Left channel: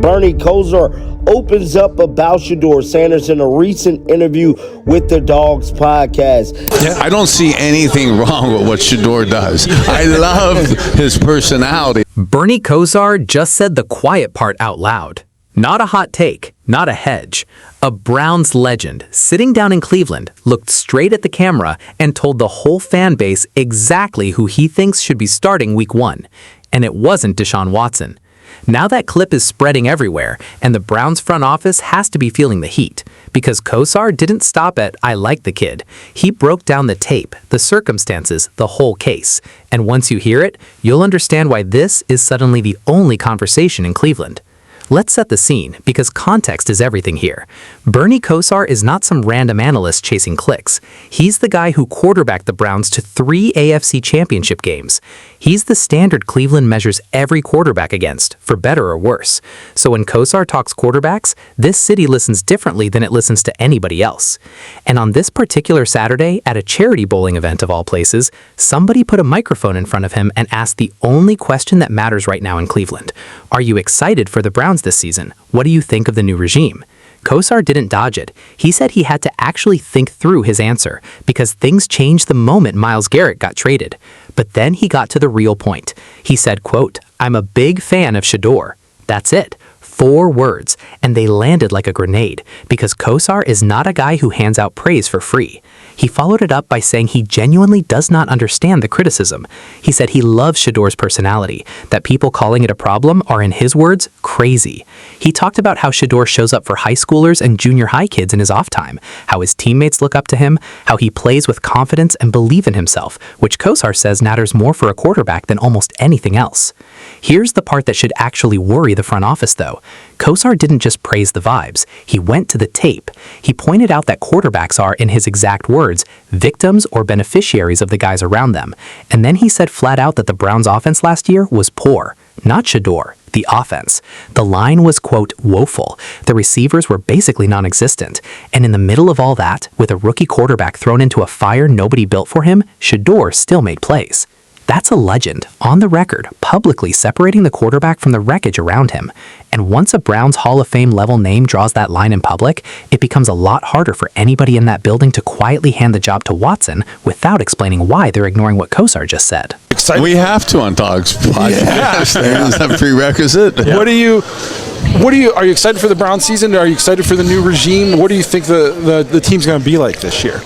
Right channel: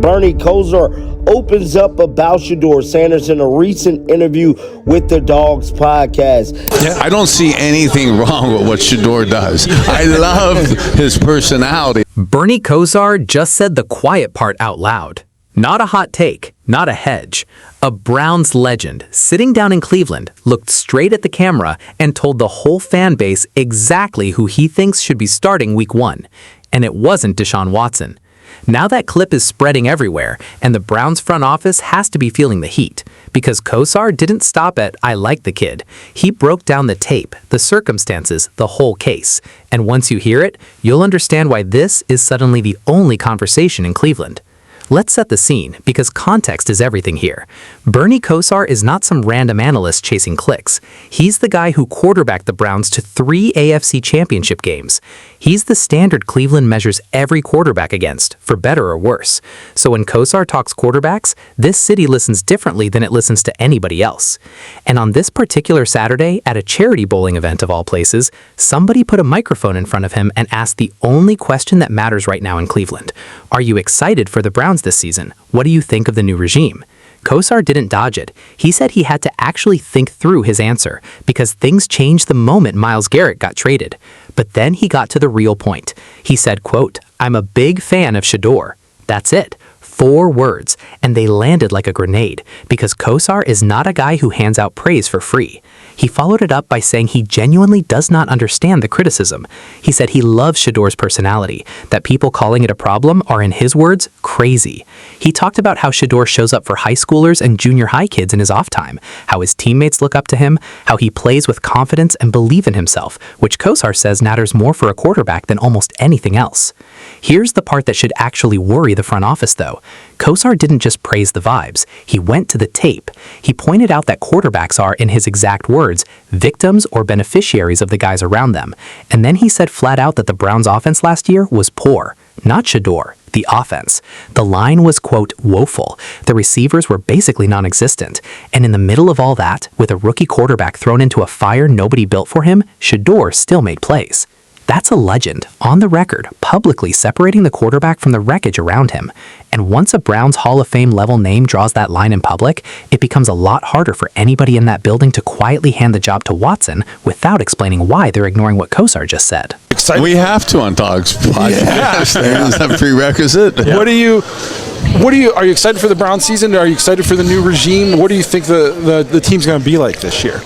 Bernie Kosar opens up about Shedeur Sanders in a recent interview with the Dogs podcast. I don't see anything wrong with what Shedeur does. I love his personality. Bernie Kosar just said the quiet part out loud. Not a hot take, not a hedge. A Browns legend, sitting down in Cleveland, looked straight at the camera and told the whole fan base exactly who he thinks should be starting Week 1. And it wasn't Deshaun Watson. Now that clip is spreading everywhere, and the Browns front office has to be feeling the heat, because Kosar didn't stop at "I like the kid." He broke down the tape, the circumstances, the whole case. And once you hear it, you'll understand why this is suddenly the only conversation in Cleveland. Let's set the scene, because context is everything here. Bernie Kosar is not some random analyst chasing clicks. He's the guy who quarterbacked the Browns to 3 AFC championship games. He's the standard Cleveland measures every quarterback against, for better or worse. So when Kosar talks quarterbacks, this city listens differently than it listens to anybody else. And on this particular Saturday, at a charity bowling event of all places, somebody put a microphone in front of him and asked the only question that matters right now in Cleveland. Are you excited for the Browns this season? What do you think of the new regime? Kosar didn't dodge it. He said he had to actually think through his answer because things changed the moment Myles Garrett got traded. But then he got to the real point. He said, quote, "I'm a big fan of Shedeur." That's it. 4 words, and they landed like a grenade because Kosar is not a guy who hands out praise for free. He followed it up by saying he genuinely does not understand the criticism. He said he loves Shedeur's personality, that people calling it a problem are, in his words, crazy. He talked about how Shedeur shows up for high schoolers and junior high kids in his off time, how his teammates look up to him, how he plays with confidence and belief in himself, which Kosar says matters more for a quarterback than almost anything else. Here's the part that should actually worry the front office, though. Kosar didn't just praise the vibes. He went to the tape. He pointed out that quarterbacks are, in his exact words, victims or beneficiaries of the guys around them. And then he said flat out that the Browns' offense last year was poor. Not Shedeur, the offense. The line was, quote, woeful. The receivers were basically non-existent. And in the middle of all that, with a rookie quarterback thrown into a fire nobody built for him, Shedeur still made plays. That's a legend, on the record, publicly separating the quarterback from the wreckage around him. And once a Browns Hall of Fame level name draws that line in public, it becomes a lot harder for anybody in that building to quietly hand the job to Watson without explaining why they're ignoring what Kosar just said. We have to on Dogs podcast. It's a prerequisite. Yeah. Are you excited for the Browns season? Are you excited for the new regime? What do you think the team's going to be like this year?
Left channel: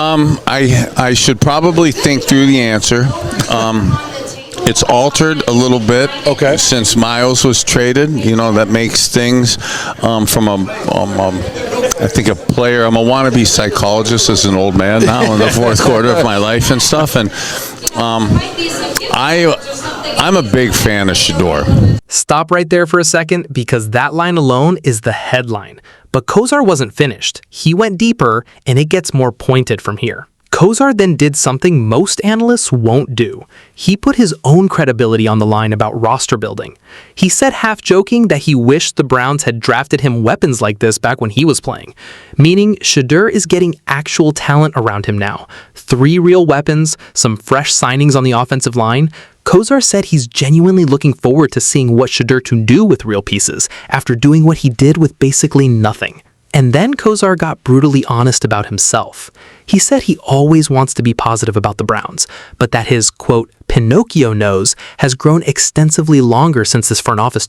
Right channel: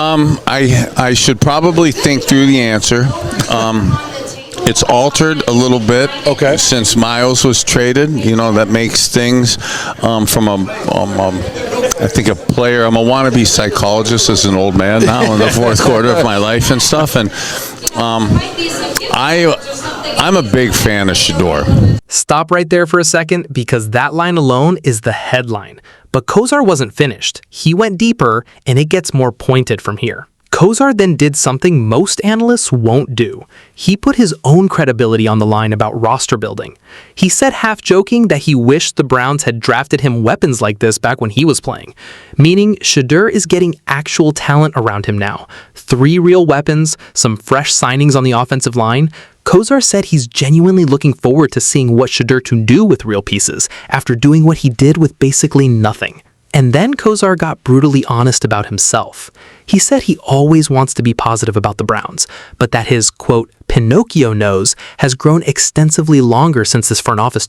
I should probably think through the answer. It's altered a little bit since Myles was traded. You know, that makes things from I think a player. I'm a wannabe psychologist as an old man now in the fourth quarter of my life and stuff. And I'm a big fan of Shedeur. Stop right there for a second because that line alone is the headline. But Kosar wasn't finished. He went deeper, and it gets more pointed from here. Kosar then did something most analysts won't do. He put his own credibility on the line about roster building. He said, half joking, that he wished the Browns had drafted him weapons like this back when he was playing, meaning Shedeur is getting actual talent around him now. 3 real weapons, some fresh signings on the offensive line. Kosar said he's genuinely looking forward to seeing what Shedeur can do with real pieces after doing what he did with basically nothing. And then Kosar got brutally honest about himself. He said he always wants to be positive about the Browns, but that his, quote, Pinocchio nose has grown extensively longer since this front office